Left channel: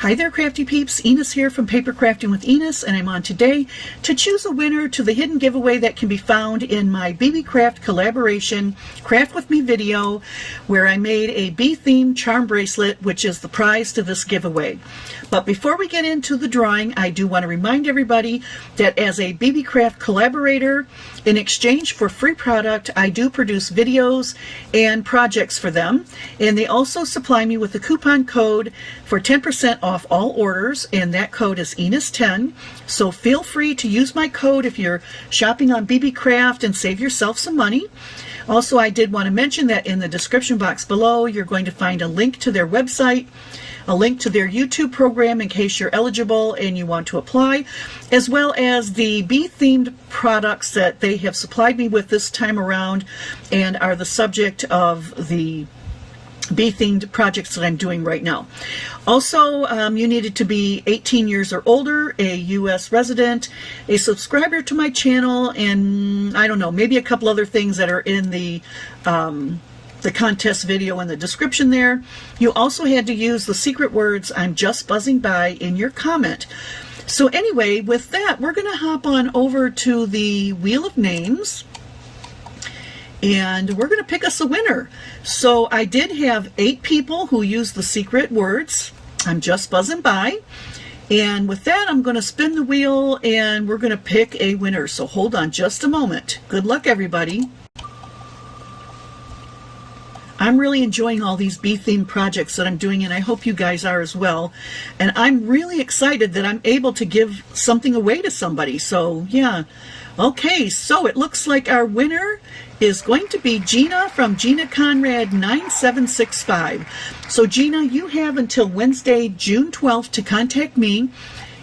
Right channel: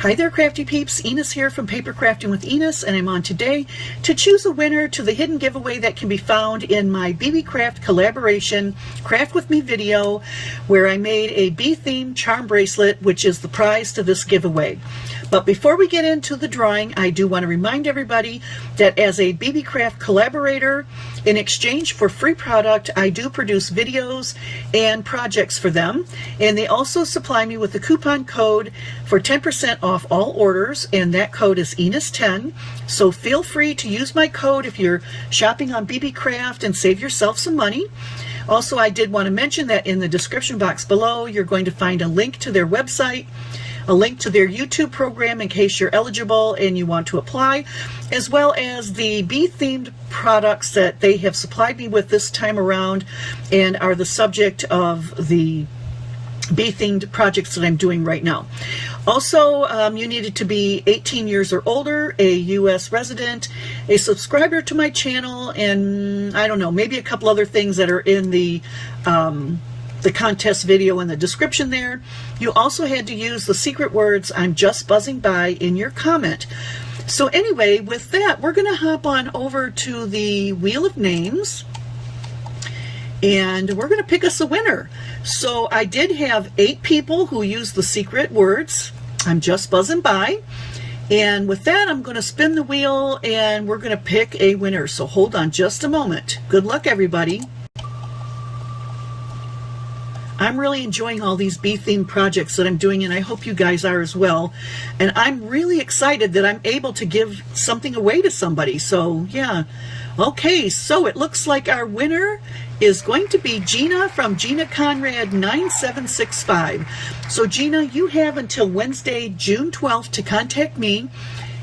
Hi there, Crafty Peeps. Enis here from Papercrafting with Enis, and I'm on today to choose a winner to the hidden giveaway that can be found in my BEEBEECRAFT collaboration Craft With Me video, where I made a bee-themed charm bracelet, which is the prize to this giveaway. But before we get into the drawing, I do want to remind everybody that as a BEEBEECRAFT collaborator, in exchange for free product, I do produce videos and projects for them, and they also supply me with a coupon code for 10% off all orders, and that code is Enis10. So feel free to use my code if you're shopping on BEEBEECRAFT and save yourself some money. Also, I did want to mention that in the description box below, you're going to find a link to their website, a link to their YouTube program in case you're eligible and you want to apply, as well as the bee-themed products that they have supplied me with this time around and are the subject of the bee-themed projects that I'm doing right now. Also, you needed to be 18 years or older, a U.S. resident, a subscriber to my channel, and I don't know, maybe a couple other things that are in the contest video in the description there. You also had to use the secret words, "I'm just buzzing by," in your comment. So anyway, with that, we're going to hop on over to the Wheel of Names, and we're going to pick us a winner. So I did have 8 people who used the secret words, "I'm just buzzing by." And with that, I'm going to spin the wheel and we're going to pick a winner. So hold on just a moment. Good luck, everybody. I'm really enjoying all these bee-themed projects that I'm doing, and I hope you guys are as well. And I'm really excited that I'm able to give something away to somebody. So yeah. Okay, so it looks like our winner is going to be Gina from Gina Conrad 9765. So Gina, you have until Wednesday, June 12th to contact me,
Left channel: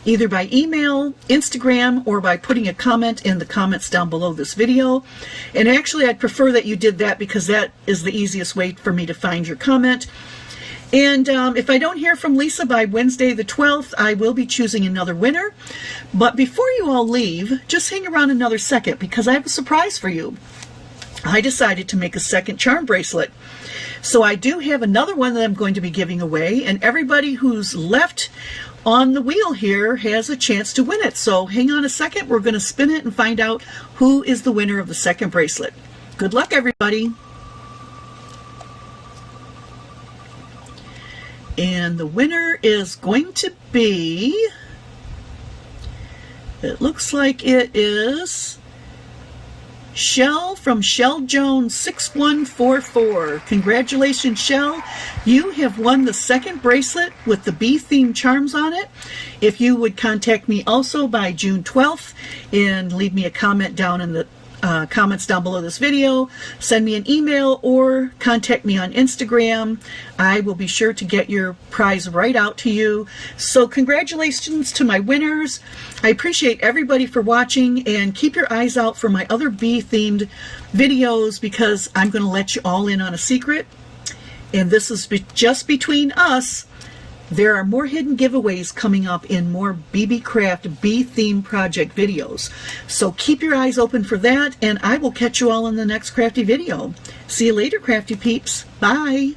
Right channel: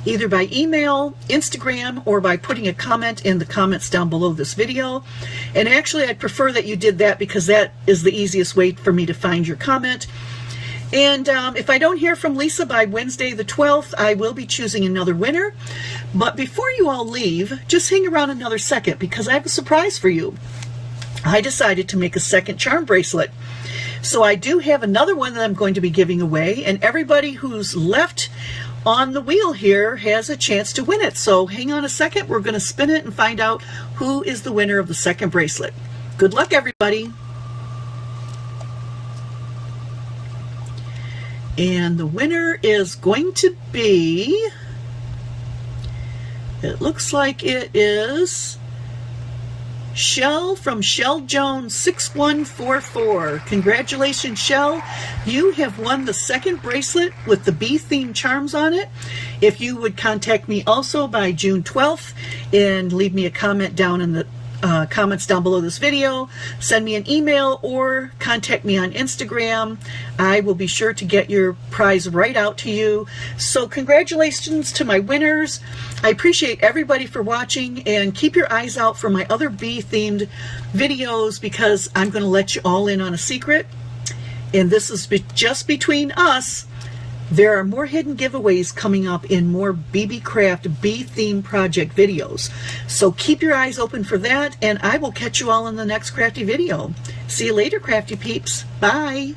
either by email, Instagram, or by putting a comment in the comments down below this video. And actually, I'd prefer that you did that because that is the easiest way for me to find your comment. And if I don't hear from Lisa by Wednesday the 12th, I will be choosing another winner. But before you all leave, just hang around another second because I have a surprise for you. I decided to make a second charm bracelet. So I do have another one that I'm going to be giving away, and everybody who's left on the wheel here has a chance to win it. So hang on a second, we're going to spin it and find out who is the winner of the second bracelet. Good luck, everybody. And the winner is going to be, it looks like it is Shell from Shell Jones 6144. Congratulations, Shell. You have won the second bracelet with the bee-themed charms on it. If you would contact me also by June 12th and leave me a comment down in the comments down below this video, send me an email or contact me on Instagram, I will be sure to get your prize right out to you. So congratulations to my winners. I appreciate everybody for watching, and keep your eyes out for my other bee-themed videos because I'm going to let you all in on a secret. And this is just between us. There are more hidden giveaways coming up in more BEEBEECRAFT bee-themed project videos. So keep your eyes open for that, and I will catch you all in the next crafty video. See you later, Crafty Peeps. Bye.